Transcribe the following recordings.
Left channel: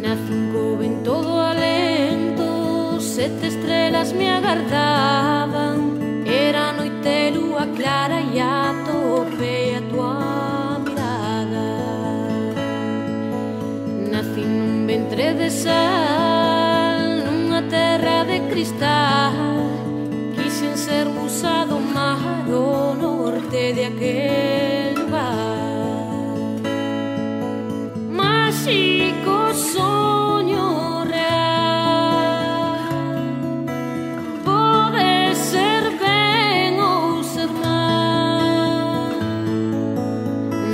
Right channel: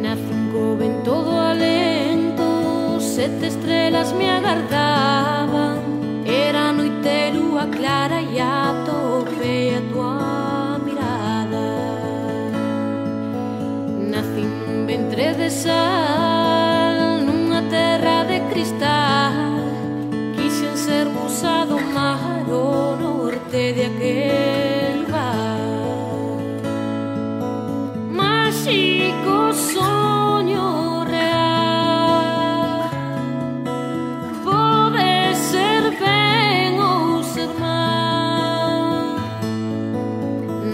Nacín co vento do alento, 7 estrelas me agardaban. Era noite, lúa clara e atopei a tua mirada. Nacín nun ventre de sal, nunha terra de cristal. Quixen ser musa do mar, o norte de aquel lugar. Máxico soño real, pode ser ben ou ser mal.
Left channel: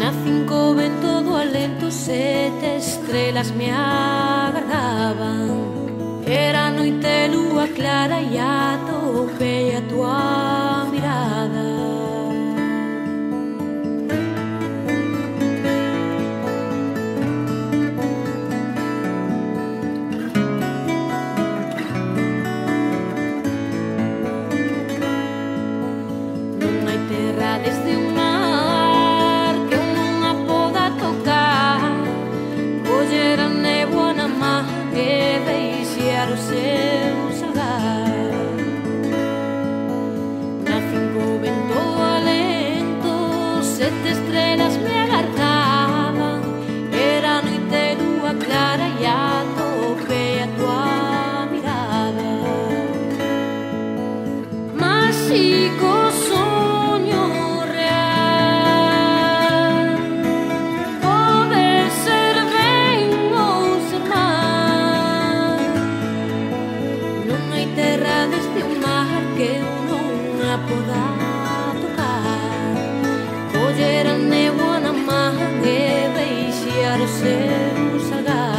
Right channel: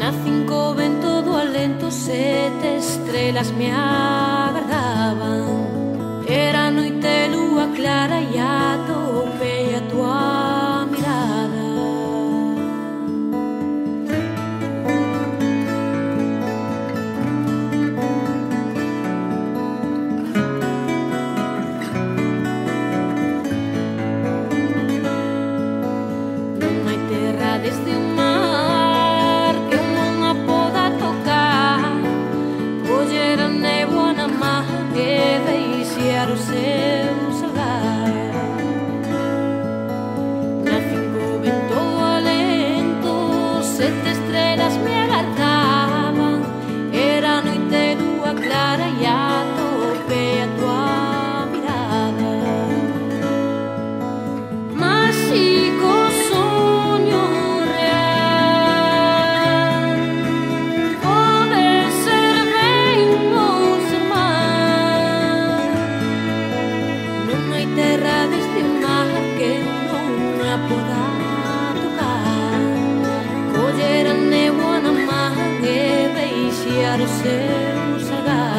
Nacín co vento do alento, 7 estrelas me agardaban. Era noite, lúa clara e atopei a tua mirada. Non hai terra desde un mar que non a poda tocar, coller a néboa na man e deixar o seu salgar. Nacín co vento do alento, 7 estrelas me agardaban. Era noite, lúa clara e atopei a tua mirada. Máxico soño real, pode ser ben ou ser mal. Non hai terra deste mar que eu non a poda tocar, coller a néboa na man e deixar o seu salgar.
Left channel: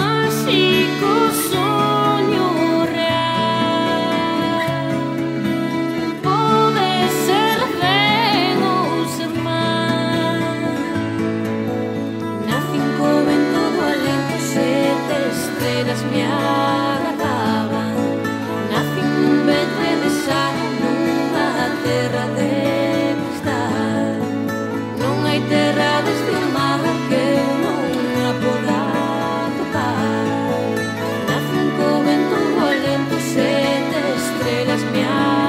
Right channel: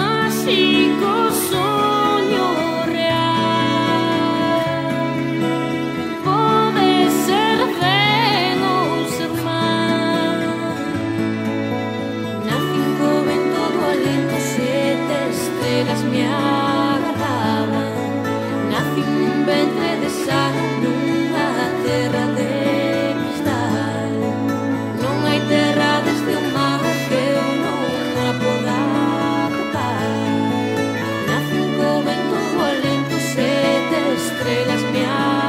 Máxico soño real, pode ser ben ou ser mal. Nacín co vento do alento, 7 estrelas me agardaban. Nacín nun ventre de sal, nunha terra de cristal. Non hai terra desde o mar que eu non a poda tocar. Nacín co vento do alento, 7 estrelas me agardaban.